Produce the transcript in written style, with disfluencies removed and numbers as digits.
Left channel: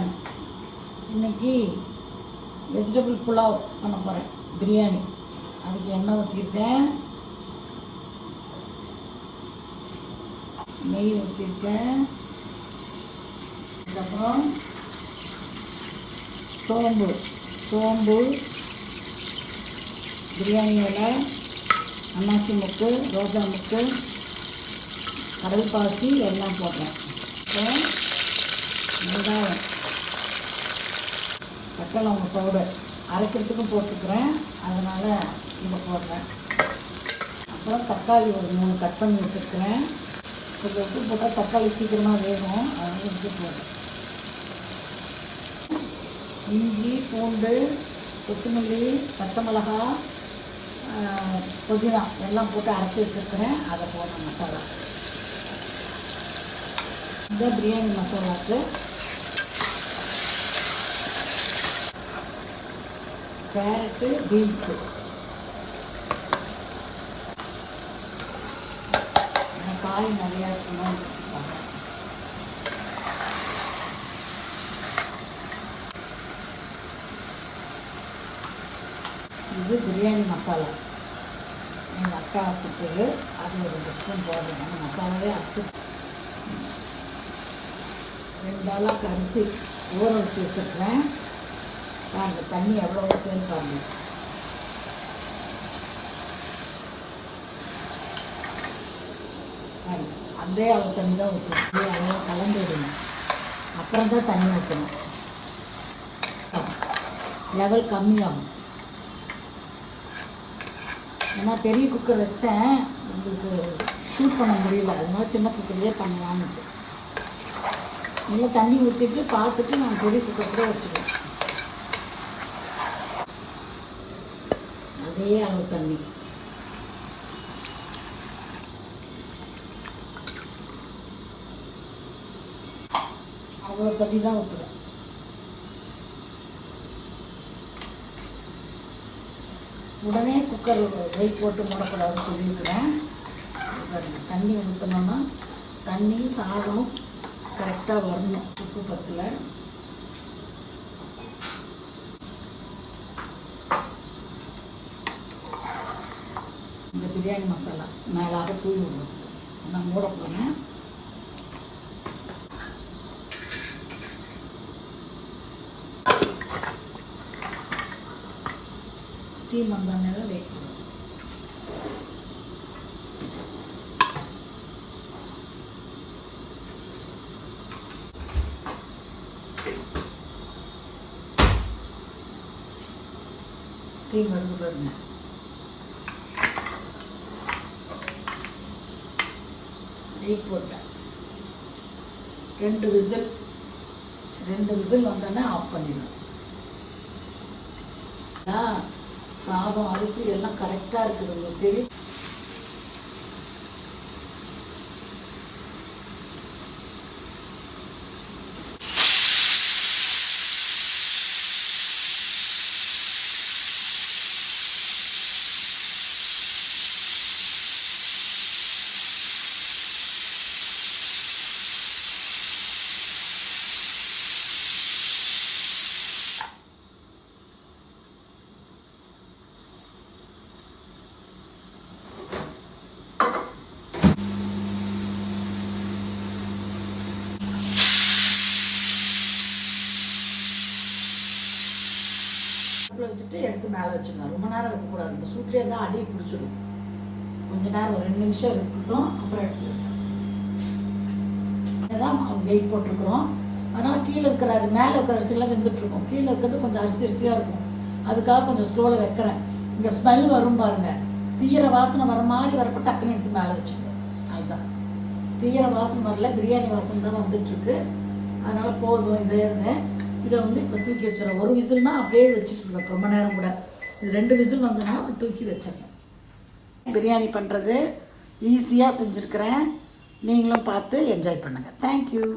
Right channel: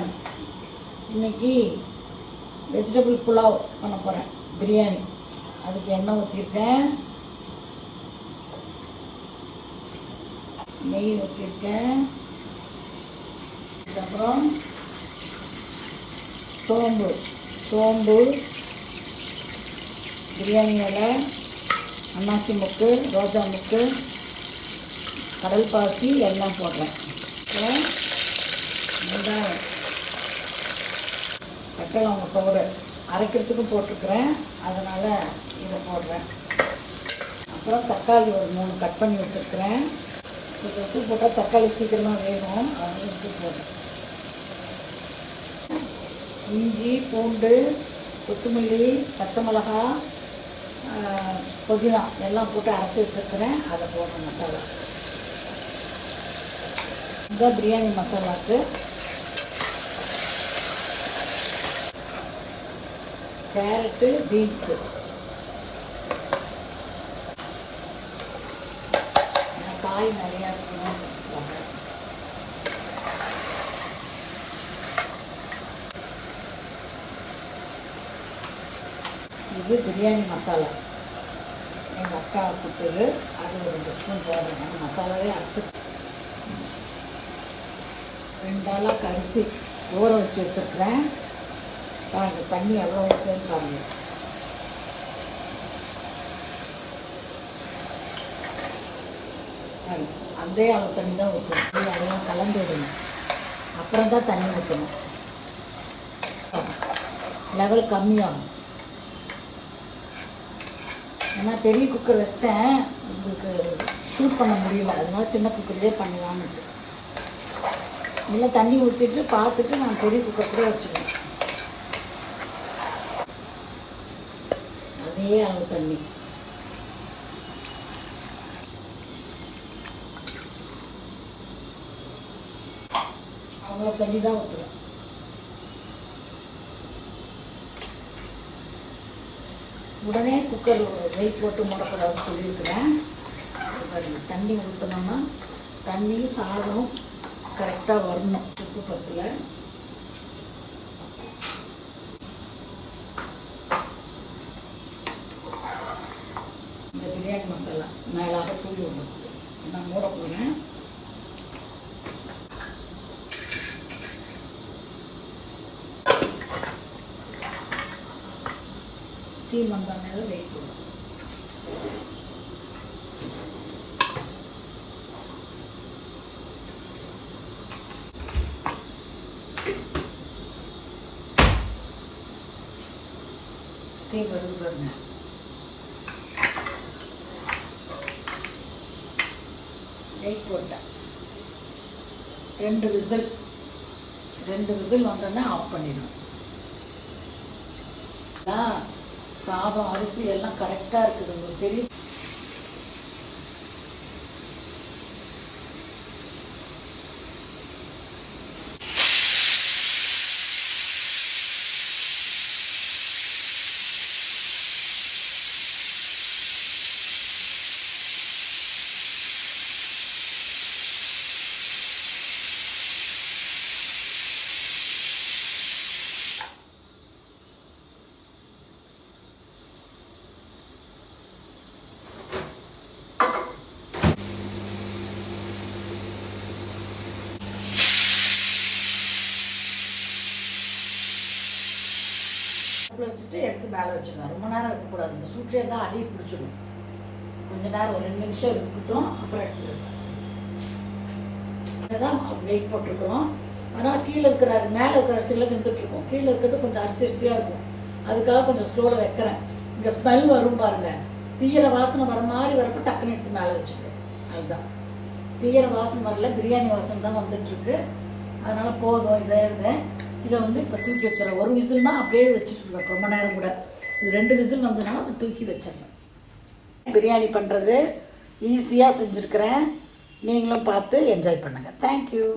Friends, இன்றைக்கி vegetable pulao பண்ண போகிறேன், பிரியாணி. அதுக்கு எண்ணெய் ஊற்றிருக்கேன், நெய் ஊற்றிருக்கேன், அதுக்கப்புறம் சோம்பு, பிரியாணி இலை, அன்னாசி மொக்கு, ரோஜா மொக்கு, கடல் பாசி எல்லாம் போடுறேன். அப்புறம் வெங்காயம், பட்டலவங்க பவுடர் அரைக்கிறதுக்கும் போட்டுக்கிறேன், அதனால் இதை போடுறேன். அப்புறம் தக்காளி ஒரு 3 கட் பண்ணி வச்சுருக்கிறேன். இது உப்பு போட்டால் தக்காளி சீக்கிரமாக வேணும், அதனால் உப்பு போடுறேன். இஞ்சி, பூண்டு, கொத்தமல்லி, பச்சை மிளகா, புதினா எல்லாம் போட்டு அரைச்சி வச்சுருக்கிறேன். அதை போடுறேன். மசாலா இந்த பிரியாணி மசாலாவுக்கு கேரட்டு, பீன்ஸு, காய் நிறையா இருக்கணும். இது பிரியாணி மசாலா எங்கள் அக்கா கொடுத்தது, அது ஒரு 2 ஸ்பூன் போடுறேன். அந்த மசாலாவே அரைச்சி 2 ஆளாக அரிசி ஊற வச்சு வச்சுருக்கிறேன். பாருங்கள் தண்ணி எவ்வளோ ஊற்றுன்னு பாருங்கள். அதே அளவு தண்ணி தான் ஊற்றணும். அதெல்லாம் கலந்து விடணும், அப்புறம் தான் தண்ணி ஊற்றணும். லெவல் கம்மியாகும். ஏன்னா பெரிய குக்கர் வச்சேன், உங்களுக்கு ஷூட் பண்ண முடியல, அதனால சின்ன குக்கர்லேயே பண்ணலான்ட்டு. நல்லா தண்ணி ஊற்றிட்டு பார்த்துட்டு நான் பெரிய குக்கர் கூட வச்சுருவேன். அதே அளவு தண்ணி. அவ்வளோ தண்ணி தான் ஊற்றுவேன். உடனே குக்கர் வெயிட் போட்டு மூடக்கூடாதுன்னு சொல்லியிருக்கிறேன். தண்ணி ஊற்றணும்னா தண்ணியும் சாதம் கரெக்டாக வரணும். உப்பு பத்தில் இந்த பிரியாணி மசாலா மேலாக தூவி விடணும். நான் மூட போகிறேன். ஸ்டீம் வந்தால் வெயிட் பண்ணும். ஸ்டீம் வருது பாருங்க. வெயிட் போட்டேன். 2 விசில் வந்தோடனே ஆஃப் பண்ணிடணும். சாதம் அரிசி எல்லாம் கரெக்டாக இருக்குது. உங்களுக்கு தெரியும். வச்சுட்டு எடுத்து மேலே வச்சுக்கலாம். ரொம்ப நேரம் இருக்கக்கூடாது. இந்த சூட்லேயே தான் அடி பிடிச்சிடும். கொஞ்சம் நேரம் ஒரு 2 நிமிஷம் இருக்கட்டும், அப்புறம் எடுத்துக்கலாம். இதுதான் வெயிட் போட்டிருக்கிறோம். அதனால் கீழே இருக்கிற மேலே இருக்கிற அரிசிலாம் வெந்துட்டுருக்கோம். கீழே இருக்கிறது கொஞ்சம் அரிசியாக இருக்கும். அதுக்காக கொஞ்சம் ஸ்லோவில் வைக்கிறேன். இங்கே ஸ்மெல் வரும் பாருங்கள். தீயிர வாசனை வர மாதிரி வரப்போ டக்குன்னு எடுத்து மேலே வச்சுக்கேன். அதுதான் தீயிர வாசனை வரல, பிரியாணி வாசனை தான் வந்துட்டுருக்கு. அதனால் போதும். இதை இப்போ தூக்கி வச்சிடறேன். 1 விசில்னா அப்படியே வச்சுட்டு ரொம்ப நேரம் கூட. இது 2 விசில் வந்ததுனால அப்படி தூக்கி வச்சிடணும். பிரியாணி பண்ணுறது ஈஸியாக செஞ்சுருக்கிறேன். நீங்களும் பார்த்து என்ஜாய் பண்ணுங்கள். தேங்க்யூ.